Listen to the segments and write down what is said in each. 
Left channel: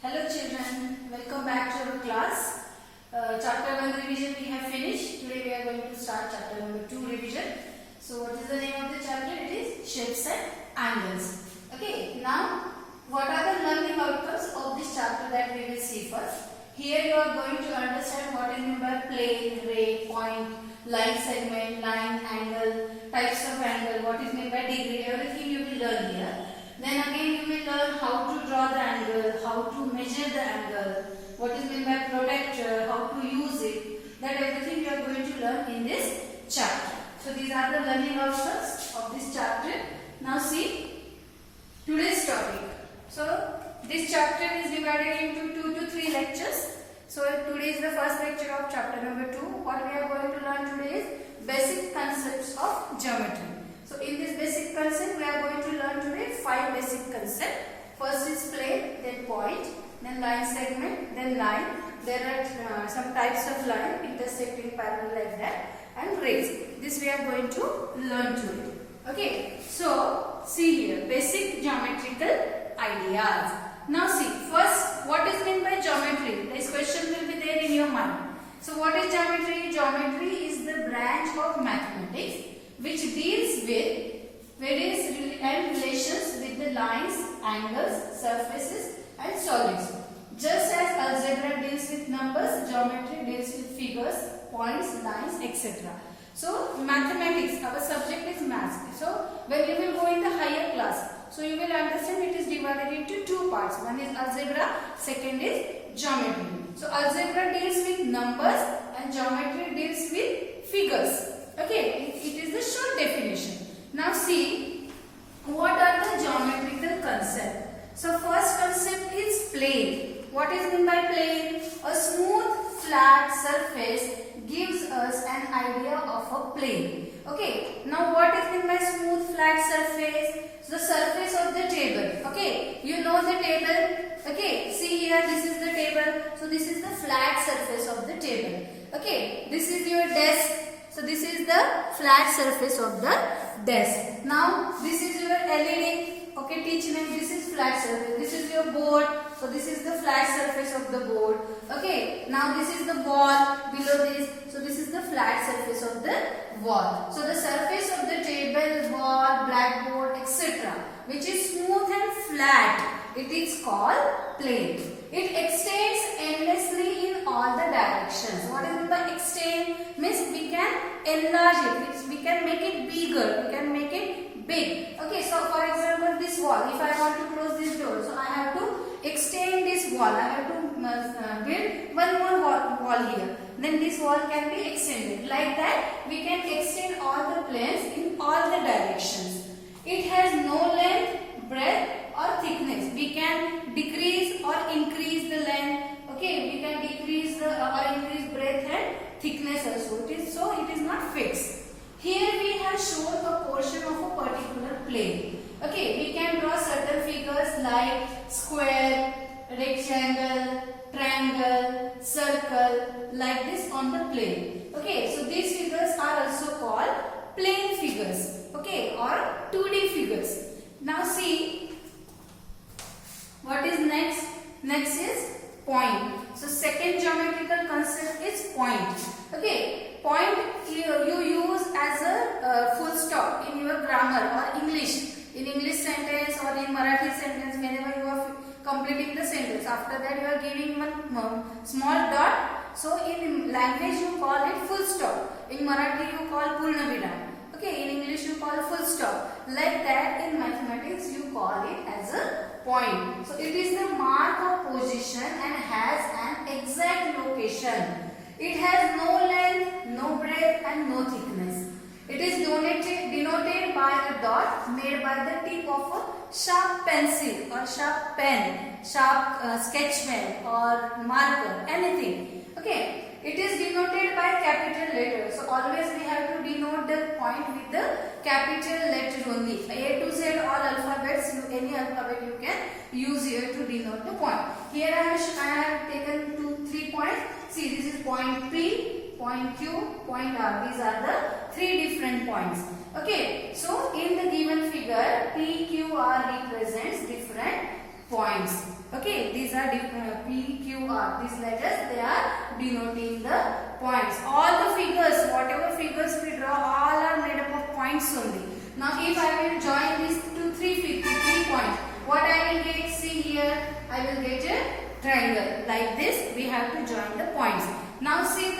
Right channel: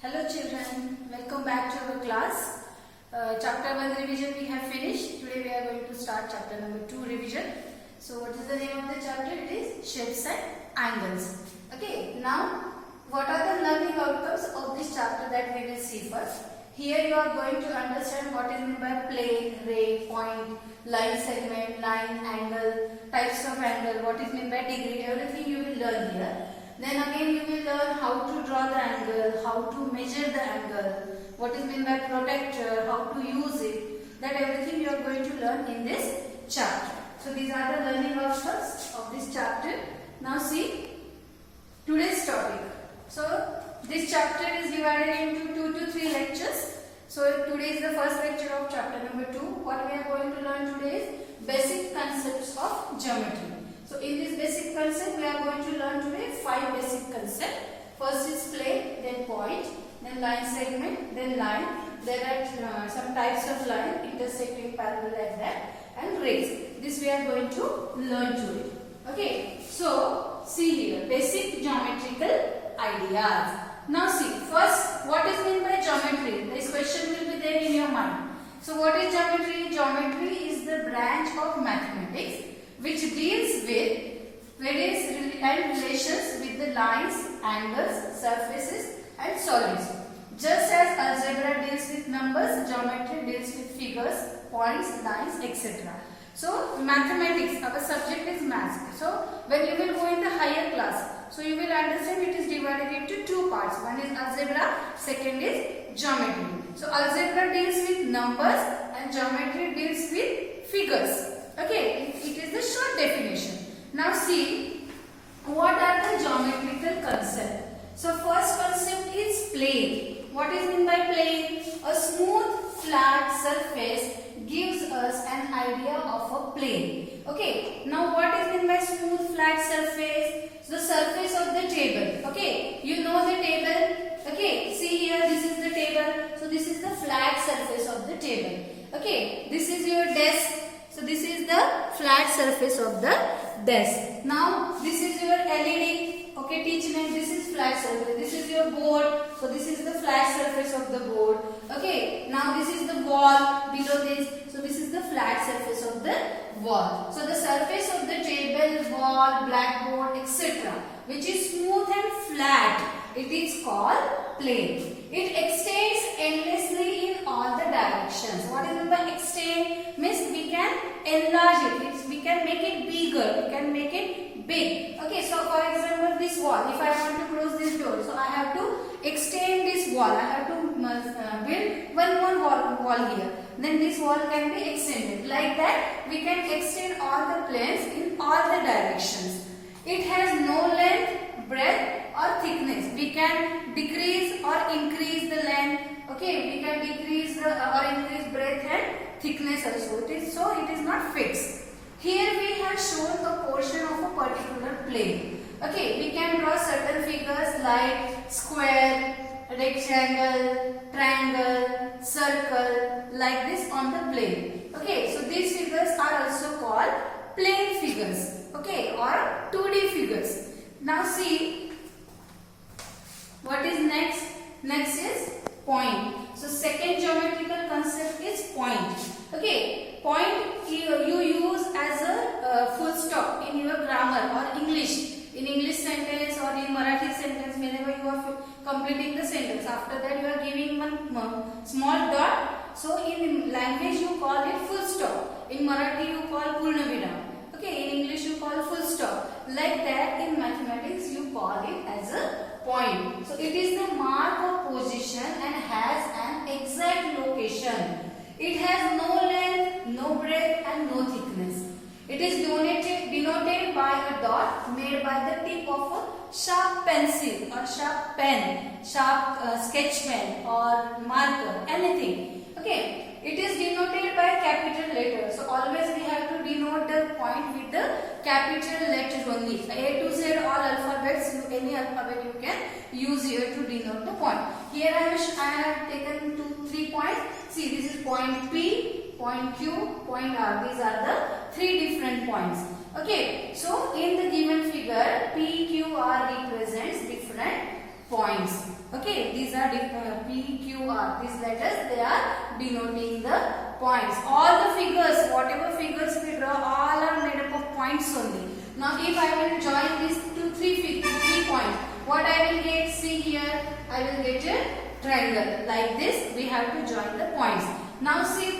Hello children, welcome back to our class. Chapter 1 revision we have finished. Today we are going to start chapter number 2 revision. So what is the name of the chapter? It is shapes and angles. Okay, now what are the learning outcomes of this chapter that we will see first. Here you are going to understand what is meant by plane, ray, point, line segment, line, angle, types of angle, what is meant by degree, everything you will learn here. Then again you will learn how to draw the angle, how to measure the angle, what is meant by protractor, how to use it. That everything you are going to learn in this chapter. So these are the learning outcomes of this chapter. Now see today's topic. So this chapter is divided into 2 to 3 lectures. So today is the first lecture of chapter number 2. What we are going to learn today is basic concepts of geometry. So in this basic concept we are going to learn today 5 basic concepts. First is plane, then point, then line segment, then line. There are some types of line, intersecting, parallel like that, and rays. This we are going to learn today. Okay, so see here basic geometrical ideas. Now see first what is meant by geometry. This question will be there in your mind. So what is geometry? Geometry is the branch of mathematics which deals with various relations with the lines, angles, surfaces and solids. Just as algebra deals with numbers, geometry deals with figures, points, lines, etc. So mathematics, our subject is math. So when you will go in the higher class, so you will understand it is divided into 2 parts. One is algebra, second is geometry. So algebra deals with numbers and geometry deals with figures. Okay, it is the short definition. Now see, what are the geometrical concepts? So first concept is plane. What is meant by plane? A smooth, flat surface gives us an idea of a plane. Okay, now what is meant by smooth, flat surface? The surface of the table. Okay, you know the table. Okay, see here, this is the table. So this is the flat surface of the table. Okay, this is your desk. So this is the flat surface of the desk. Now this is your LED. Okay, teach me. This is flat surface. This is your board. So this is the flat surface of the board. Okay. Now this is the wall below this. So this is the flat surface of the wall. So the surface of the table, wall, blackboard, etc., which is smooth and flat, it is called plane. It extends endlessly in all the directions. What is meant by extend? Means we can enlarge it. We can make it bigger. We can make it big. Okay, so for example, this wall. If I want to close this door, so I have to extend this wall. I have to build one more wall here. Then this wall can be extended. Like that, we can extend all the planes in all the directions. It has no length, breadth or thickness. We can decrease or increase the length. Okay, we can decrease or increase breadth and thickness also. It is not fixed. Here we have shown a portion of a particular plane. Okay, we can draw certain figures like square, rectangle, triangle, circle, like this on the plane. Okay, so these figures are also called plane figures. Okay, or 2D figures. Now see, what is next? Next is point. So second geometrical concept is point. Okay, point you use as a full stop in your grammar or English. In English sentence or in Marathi sentence, whenever you are completing the sentence, after that you are giving one small dot. So in language you call it full stop. In Marathi you call purna viram. Okay, in English you call full stop. Like that in mathematics you call it as a point. So it is the mark of position and has an exact location. It has no length, no breadth and no thickness. It is denoted by a dot made by the tip of a sharp pencil or sharp pen, sharp sketch pen or marker, anything. Okay. It is denoted by capital letter. So always we have to denote the point with the capital letter only. A to Z all alphabets, any alphabet you can use here to denote the point. Here I have taken 3 points. See, this is point P, point Q, point R. These are the 3 different points. Okay. So in the given figure, P, Q, R represents different points. Okay, these are P, Q, R. These letters, they are denoting the points. All the figures, whatever figures we draw, all are made up of points only. Now, if I will join these three points, what I will get? See here, I will get a triangle. Like this, we have to join the points. Now, see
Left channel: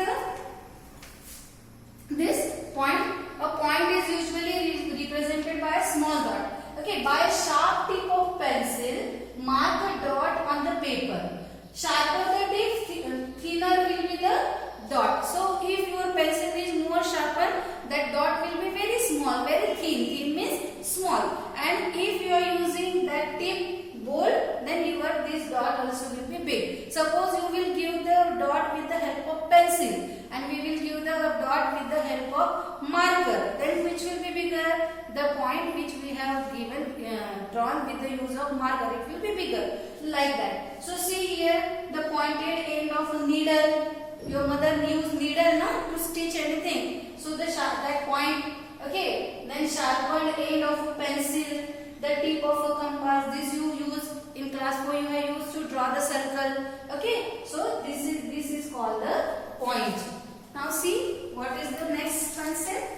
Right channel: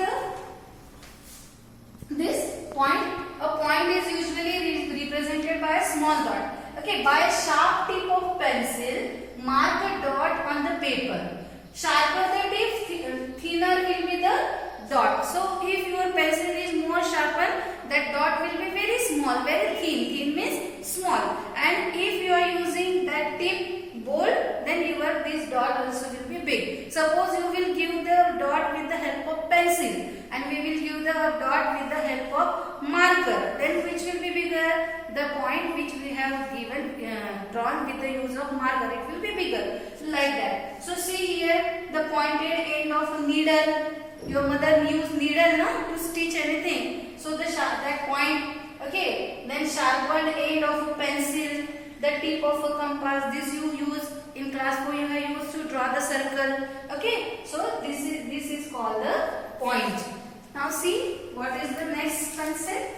this point. A point is usually represented by a small dot. Okay, by a sharp tip of pencil, mark a dot on the paper. Sharper the tip, thinner will be the dot. So, if your pencil is more sharper, that dot will be very small, very thin. Thin means small. And if you are using that tip bold, then this dot also will be big. Suppose you will give the dot with the help of pencil, and we will give the dot with the help of marker. Then which will be bigger? The point which we have drawn with the use of marker, it will be bigger. Like that. So see here, the pointed end of a needle. Your mother used needle to stitch anything. So that point. Okay. Then sharpened end of a pencil. The tip of a compass. This you use in class 4. You have used to draw the circle. Okay. So this is called the point. Now see what is the next concept.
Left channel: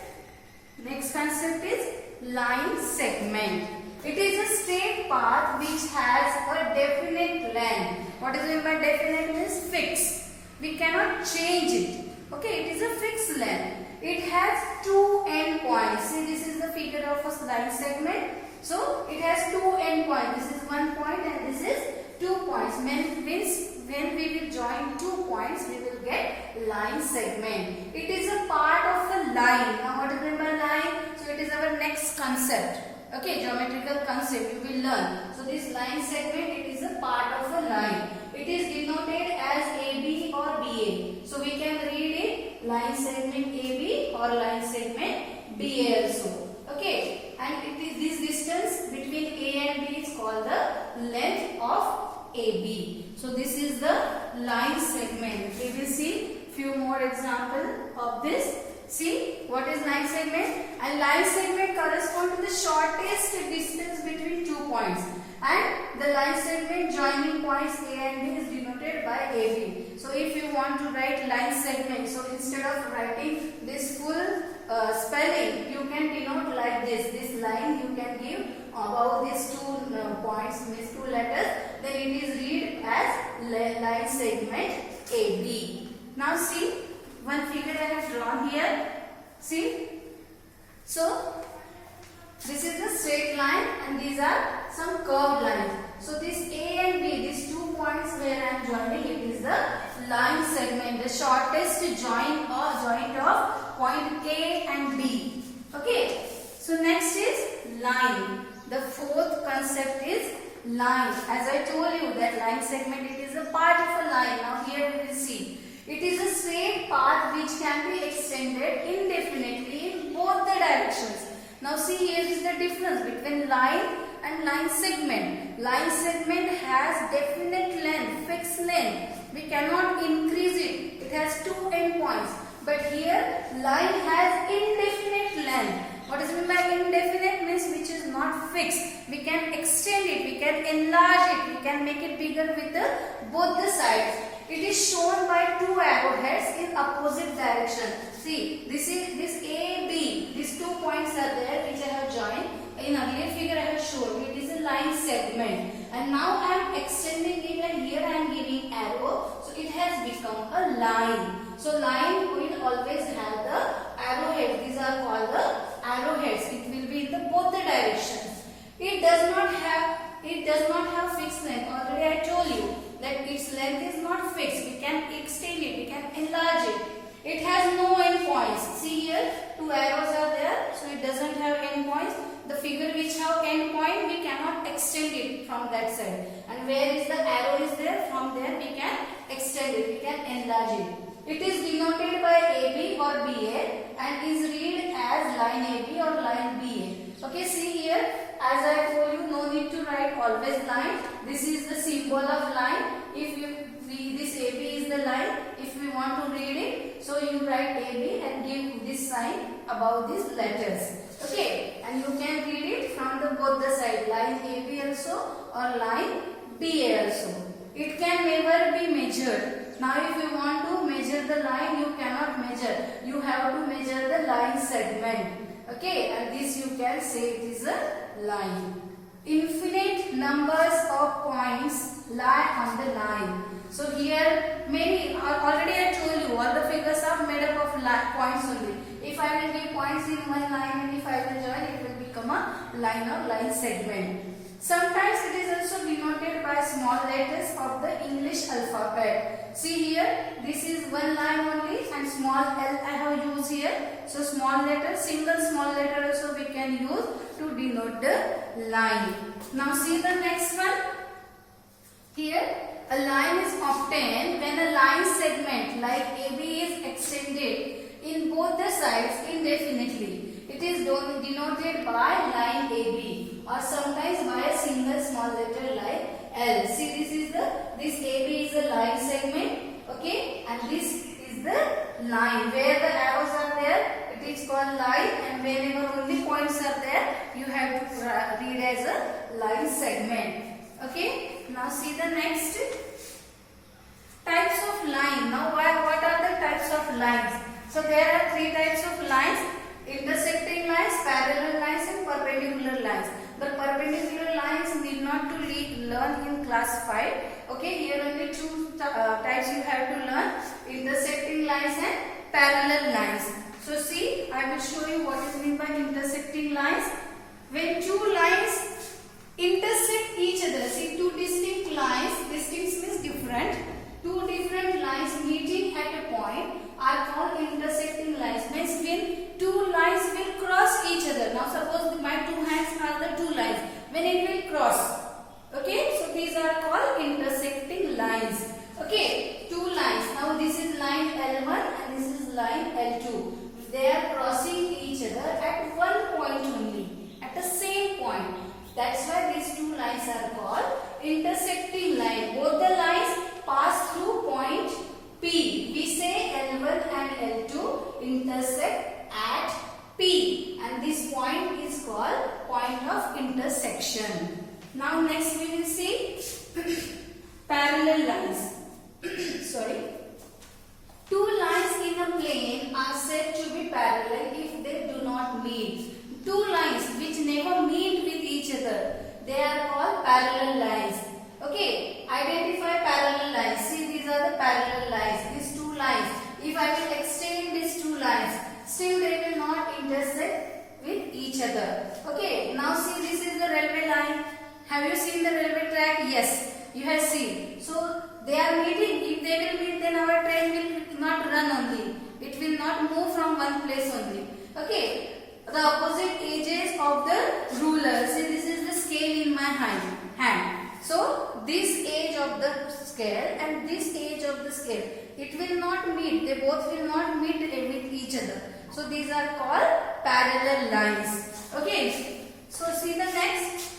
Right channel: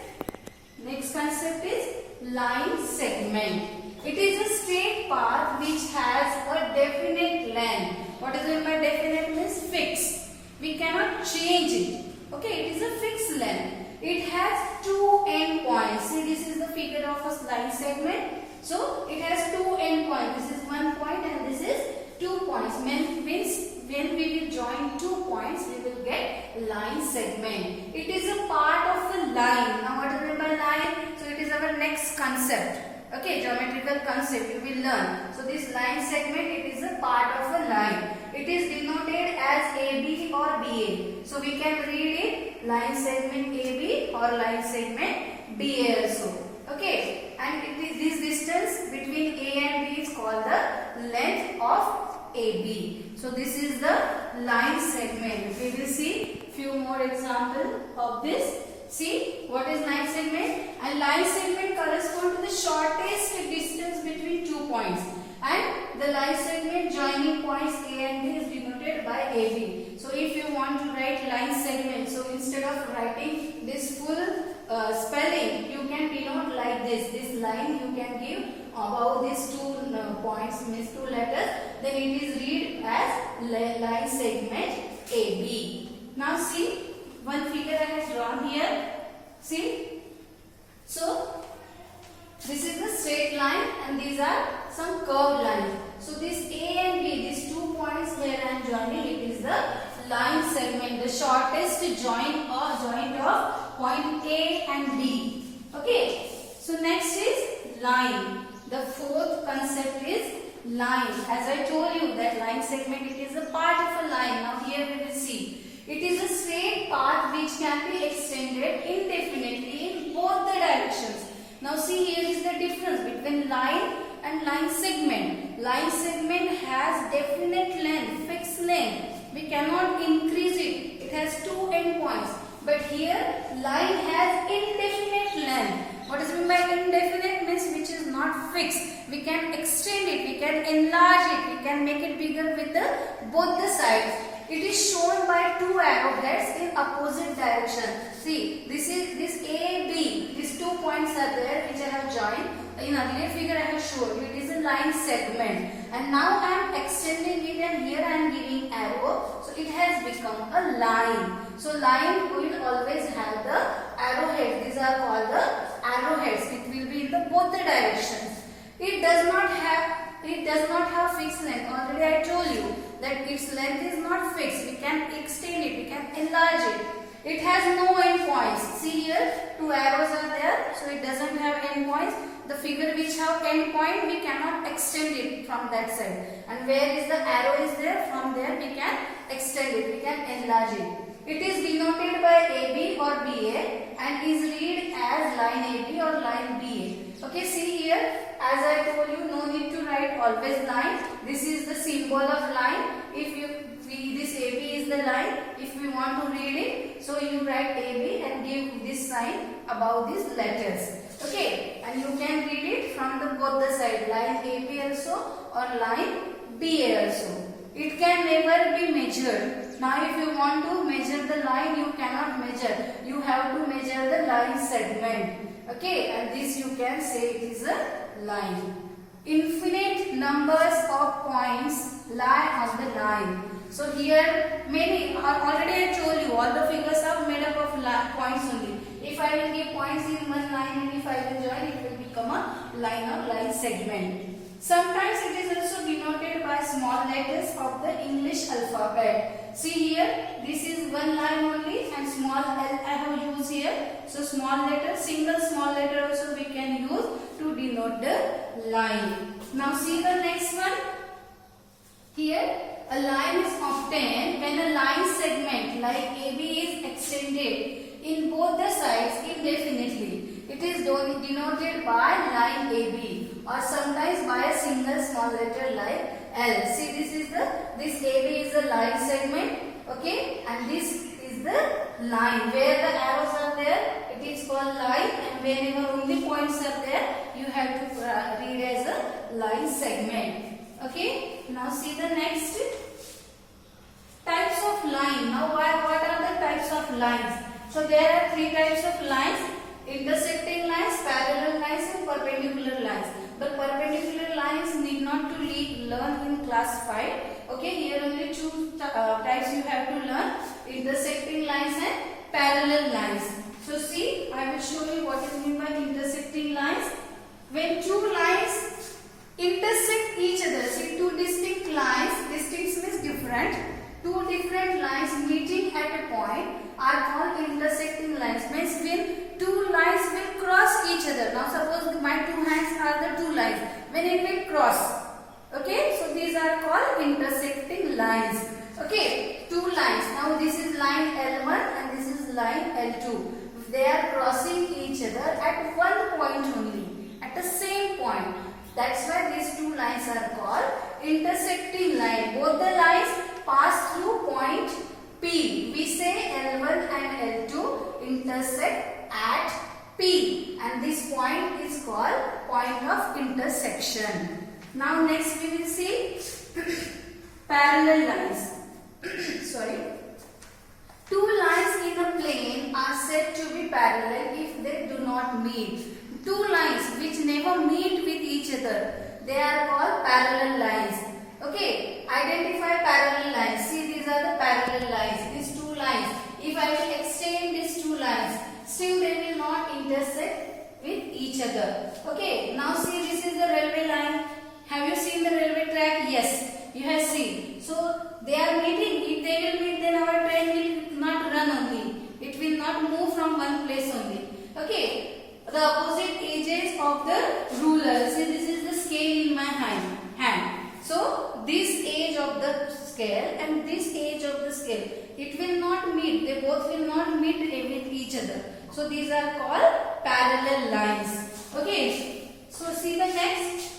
Next concept is line segment. It is a straight path which has a definite length. What is meant by definite means fixed. We cannot change it. Okay, it is a fixed length. It has two end points. See, this is the figure of a line segment. So it has two end points. This is 1 point and this is 2 points. Means when we will join 2 points, we will get line segment. It is a part of a line. Now what is meant by line? So it is our next concept. Okay, geometrical concept you will learn. So this line segment, it is a part of a line. It is denoted as AB or BA. So we can read it line segment AB or line segment BA also. Okay, and this distance between A and B is called the length of AB. So this is the line segment. We will see few more examples of this. See what is line segment? And line segment corresponds to the shortest distance between 2 points. And the line segment joining points A and B is denoted by AB. So if you want to write line segment, so instead of writing this full spelling, you can denote like this. This line you can give above these 2 points, means 2 letters. Then it is read as line segment AB. Now see, one figure I have drawn here. See, so this is the straight line and these are some curved lines. So this A and B, these 2 points where I am joining, it is the line segment, the shortest joint of point A and B. Okay. So next is line. The fourth concept is line. As I told you that line segment, it is a part of a line. Now here we will see. It is a straight path which can be extended indefinitely in both the directions. Now see, here is the difference between line and line segment. Line segment has definite length, fixed length. We cannot increase it. It has 2 end points. But here line has indefinite length. What is meant by indefinite means which is not fixed. We can extend it, we can enlarge it, we can make it bigger with both the sides. It is shown by 2 arrowheads in opposite direction. See, this A, B. These 2 points are there which I have joined. In earlier figure I have shown you. It is a line segment. And now I am extending it and here I am giving arrow. So it has become a line. So line will always have the arrowhead. These are called the arrowheads. It will be in both the directions. It does not have fixed length. Already I told you that its length is not fixed. We can extend it, we can enlarge it. It has no end points. See here, 2 arrows are there, so it doesn't have end points. The figure which have end point, we cannot extend it from that side. And where is the arrow is there, from there we can extend it, we can enlarge it. It is denoted by AB or BA and is read as line AB or line BA. Okay, see here, as I told you, no need to write always line. This is the symbol of line. This AB is the line. If we want to read it, so you write AB and give this sign above these letters. Okay, and you can read it from both the side, line AB also or line TA also. It can never be measured. Now if you want to measure the line, you cannot measure. You have to measure the line segment. Okay, and this you can say it is a line. Infinite numbers of points lie on the line. So here many, already I told you, all the figures are made up of points only. If I will give points in one line and if I will join, it will become a line or line segment. Sometimes it is also denoted by small letters of the English alphabet. See here, this is one line only and small l I have used here. So small letter, single small letter also we can use to denote the line. Now see the next one. Here a line is obtained when a line segment like AB is extended in both the sides indefinitely. It is denoted by line AB or sometimes by a single small letter like L. See, this AB is a line segment, okay, and this is the line where the arrows are there. It is called line, and whenever only points are there, you have to read as a line segment. Okay, now see the next types of line. Now what are the types of lines? So there are three types of lines: intersecting lines, parallel lines and perpendicular lines. But perpendicular lines need not to learn in class 5. Okay, here only two types you have to learn: intersecting lines and parallel lines. So see, I will show you what is meant by intersecting lines. When two lines intersect each other, see, two distinct lines, distinct means different, two different lines meeting at a point are called intersecting lines. Means when two lines will cross each other. Now suppose my two hands are the two lines. When it will cross, okay, so these are called intersecting lines. Okay, two lines. Now this is line L1 and this is line L2. They are crossing each other at one point only, at the same point. That's why these two lines are called intersecting line. Both the lines pass through point P. We say L1 and L2 intersect at P, and this point is called point of intersection. Now next we will see parallel lines. Sorry. Two lines in a plane are said to be parallel if they do not meet. Two lines which never meet with each other, they are called parallel lines. Okay, identify parallel lines. See, these are the parallel lines, these two lines. If I will extend these two lines, still they will not intersect with each other. Okay, now see, this is the railway line. Have you seen the railway track? Yes, you have seen. So they are meeting. If they will meet, then our train will not run only. It will not move from one place only. Okay, the opposite edges of the ruler. See, this is the scale in my hand. So this edge of the scale and this edge of the scale, it will not meet. They both will not meet with each other. So these are called parallel lines. Okay. So see the next.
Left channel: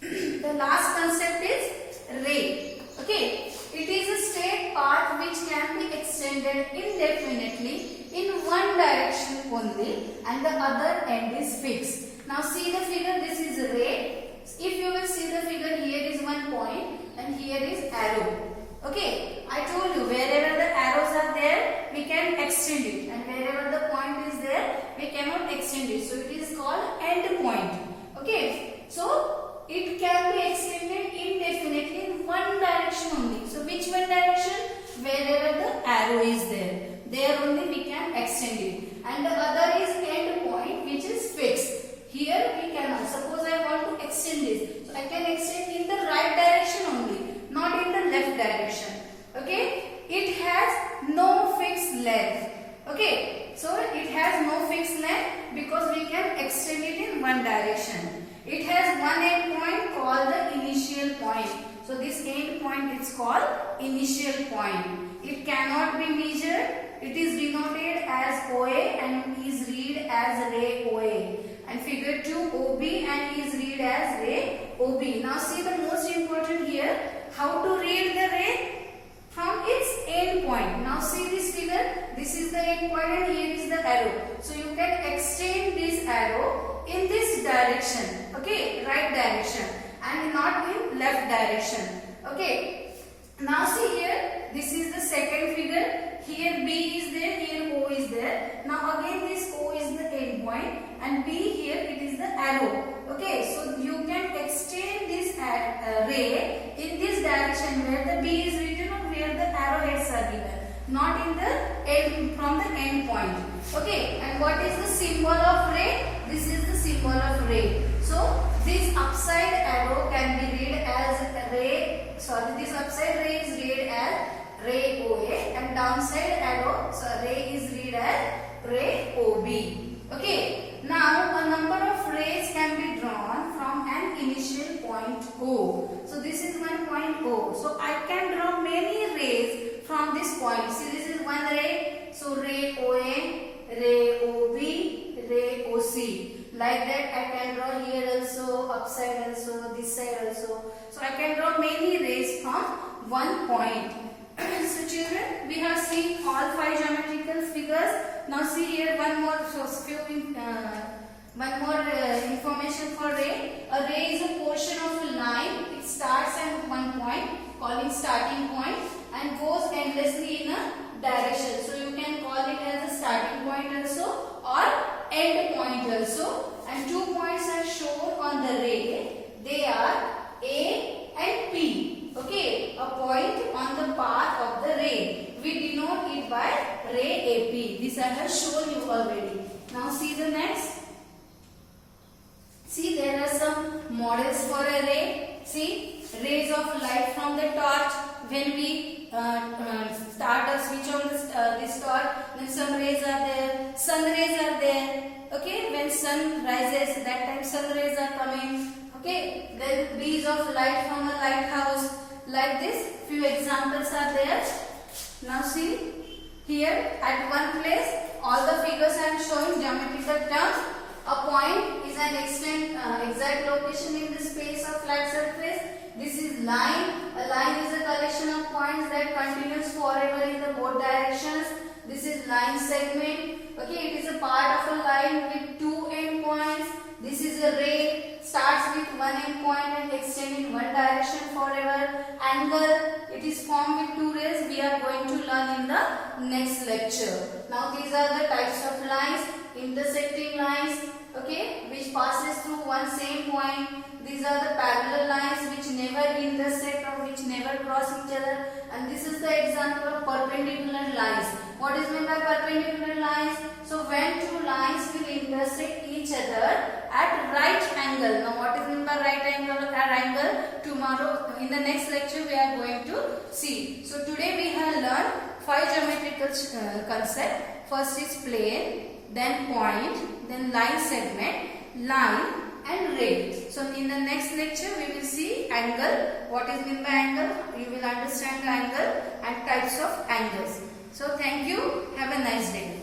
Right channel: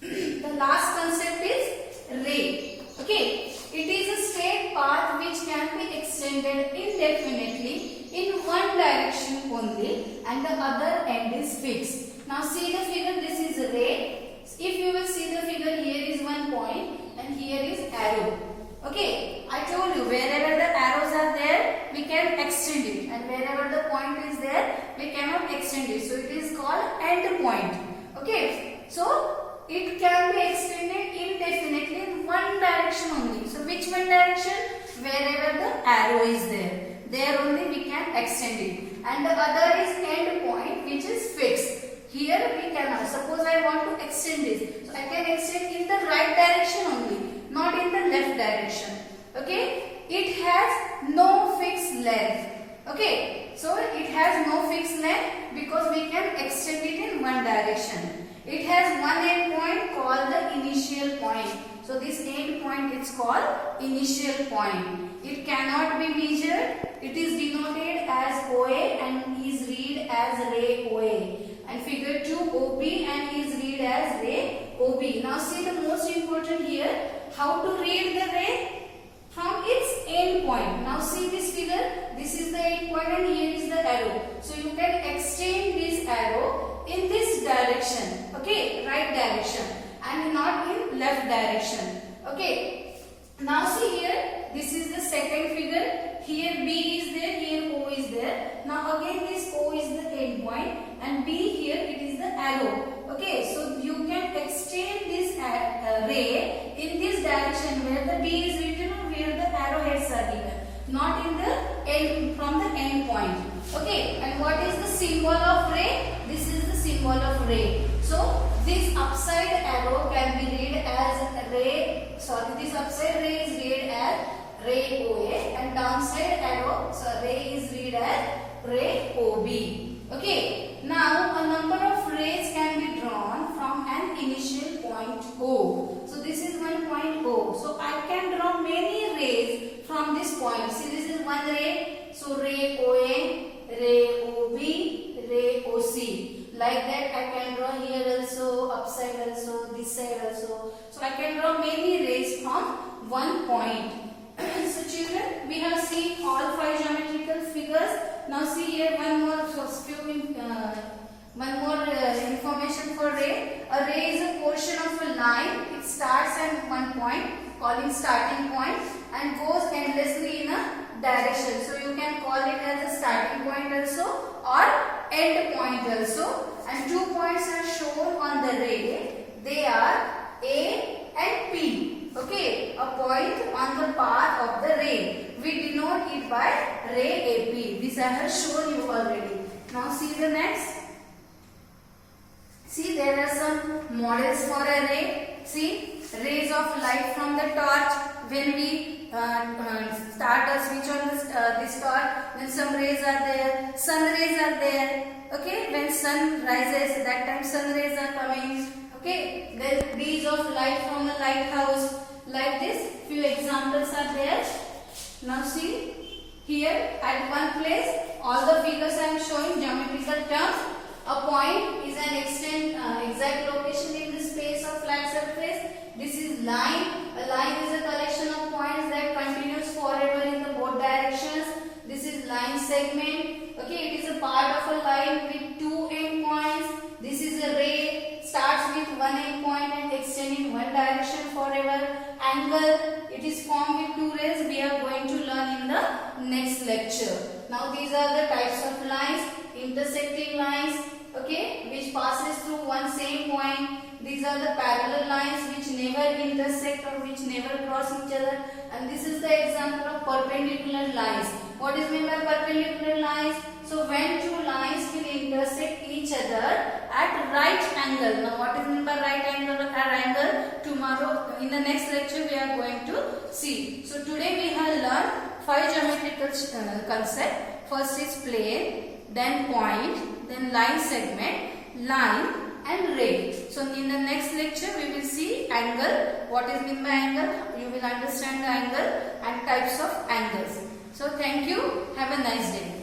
The last concept is ray. Okay. It is a straight path which can be extended indefinitely in one direction only, and the other end is fixed. Now see the figure. This is a ray. If you will see the figure, here is one point and here is arrow. Okay, I told you wherever the arrows are there, we can extend it, and wherever the point is there, we cannot extend it. So it is called end point. Okay, so it can be extended indefinitely in one direction only. So which one direction? Wherever the arrow is there only we can extend it. And the other is end point, which is fixed. Here we cannot. Suppose I want to extend this, so I can extend in the right direction only, not in the left direction. Okay, it has no fixed length. Okay, so it has no fixed length because we can extend it in one direction. It has one end point called the initial point. So this end point is called initial point. It cannot be measured. It is denoted as OA and is read as ray OA. And figure 2 OB and is read as ray OB. Now see the most important here, how to read the ray from its end point. Now see this figure, this is the end point and here is the arrow. So you can extend this arrow in this direction, okay, right direction. and not in left direction. Okay. Now see here, this is the second figure. Here B is there, here O is there. Now again this O is the end point and B here it is the arrow. Okay, so you can extend this ray in this direction where the B is written or where the arrowheads are given, not in the end, from the end point. Okay, and what is the symbol of ray? This is the symbol of ray. So this upside arrow can be read as ray, this upside ray is read as ray OA and downside arrow, so ray is read as ray OB. Okay, now a number of rays can be drawn from an initial point O. So this is one point O. So I can draw many rays from this point. See, this is one ray. So ray OA, ray OB, ray OC. Like that I can draw here also, upside also, this side also. So I can draw many rays from one point. So children, we have seen all 5 geometrical figures. Now see here one more information for ray. A ray is a portion of a line. It starts at one point, calling starting point, and goes endlessly in a direction. So you can call it as a starting point also or end point also. And 2 points are shown on the ray. They are A and P. Okay, a point on the path of the ray. We denote it by ray AP. This I have shown you already. Now see the next. See, there are some models for a ray. See, rays of light from the torch. When we start or switch on this torch, then some rays are there. Sun rays are there. Okay, when sun rises, that time sun rays are coming. Okay, then beams of light from a lighthouse. Like this, few examples are there. Now see, here at one place, all the figures I am showing geometrical terms. A point is an exact location in the space of flat surface. This is line. A line is a collection of points that continues forever in the both directions. This is line segment. Okay, it is a part of a line with 2 end points. This is a ray, starts with one end point and extends in one direction forever. Angle, it is formed with 2 rays. We are going to learn in the next lecture. Now these are the types of lines. Intersecting lines, okay, which passes through one same point. These are the parallel lines which never intersect or which never cross each other. And this is the example of perpendicular lines. What is meant by perpendicular lines? So when 2 lines will intersect each other at right angle. Now what is meant by right angle or angle? Tomorrow in the next lecture we are going to see. So today we have learned 5 geometrical concepts. First is plane, then point, then line segment, line and ray. So in the next lecture we will see angle. What is meant by angle? You will understand the angle and types of angles. So thank you. Have a nice day.